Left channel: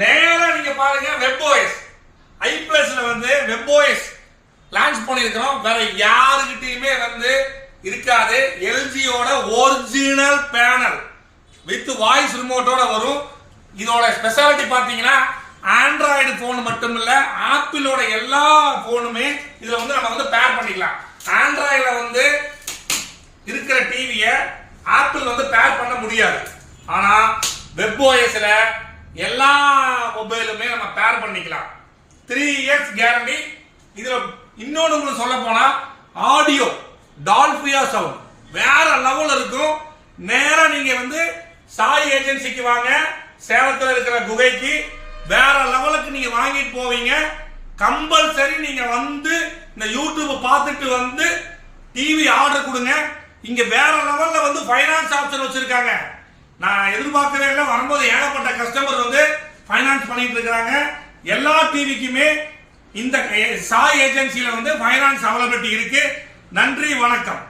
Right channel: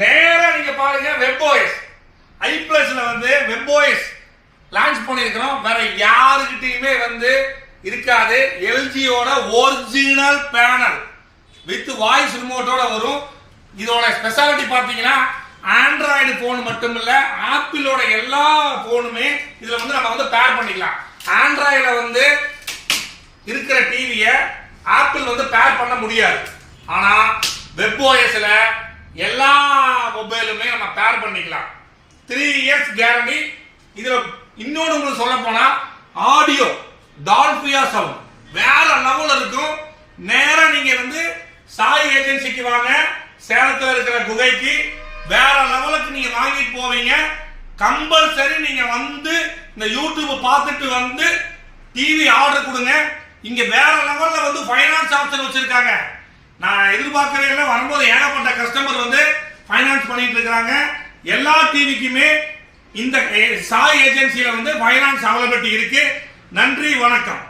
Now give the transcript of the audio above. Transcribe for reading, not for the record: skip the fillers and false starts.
நேரா நீங்க பாருங்க WebOS i+ல வந்து WebOS லான்ச் பண்ணிருக்கோம். வேற யாருக்கிட்டயுமே வந்து இருக்காது. எல்ஜியோட ஒரிஜினல் பேனல் வித் வாய்ஸ் ரிமோட்டோட வரும். இதோட ஸ்பெஷாலிட்டி பாத்தீங்கன்னா ஆண்ட்ராய்டு போன் மட்டும் இல்ல, ஆப்பிளோட எல்லா போனுமே இதுல வந்து நம்ம வந்து பேர் பண்ணிக்கலாம். ஆண்ட்ராய்டுல வந்து இருக்கிற டிவியை ஆப்பிள் வந்து பேர் பண்ண முடியாது. ஆனா WebOSல எல்லா மொபைலுமே நம்ம பேர் பண்ணிக்கலாம். 3 years கேரண்டி. இதுல இன்னொன்னு உங்களுக்கு சொல்ல போனா ஆடியோ டால்பியா சவுண்ட் வேற லெவல்ல இருக்கும். நேரா நீங்க வந்து சாய் ஏஜென்சிக்கு வாங்க, சேலத்துல இருக்கிற குகைக்கு வேற லெவலுக்கு நீங்க வாங்கிட்டு போவீங்க. கம்பல்சரி நீங்க வந்து இந்த யூடியூப் பார்த்துட்டு வந்து டிவி ஆர்டர் கொடுங்க. இங்க வேற லெவல்ல வந்து ஃபைனான்ஸ் ஆப்ஷன் வச்சிருக்காங்க. நான் எதிர்பார்க்கவே இல்லை. வரும்போது ஏகப்பட்ட கஸ்டமர் வந்து ஃபைனான்ஸ் பண்ணிட்டு இருக்காங்க. எல்லா டிவிக்குமே இந்த சாய் ஏஜென்சியில வந்து ஃபைனான்ஸ் அவைலபிலிட்டி இருக்கு. நன்றி, வணக்கம்.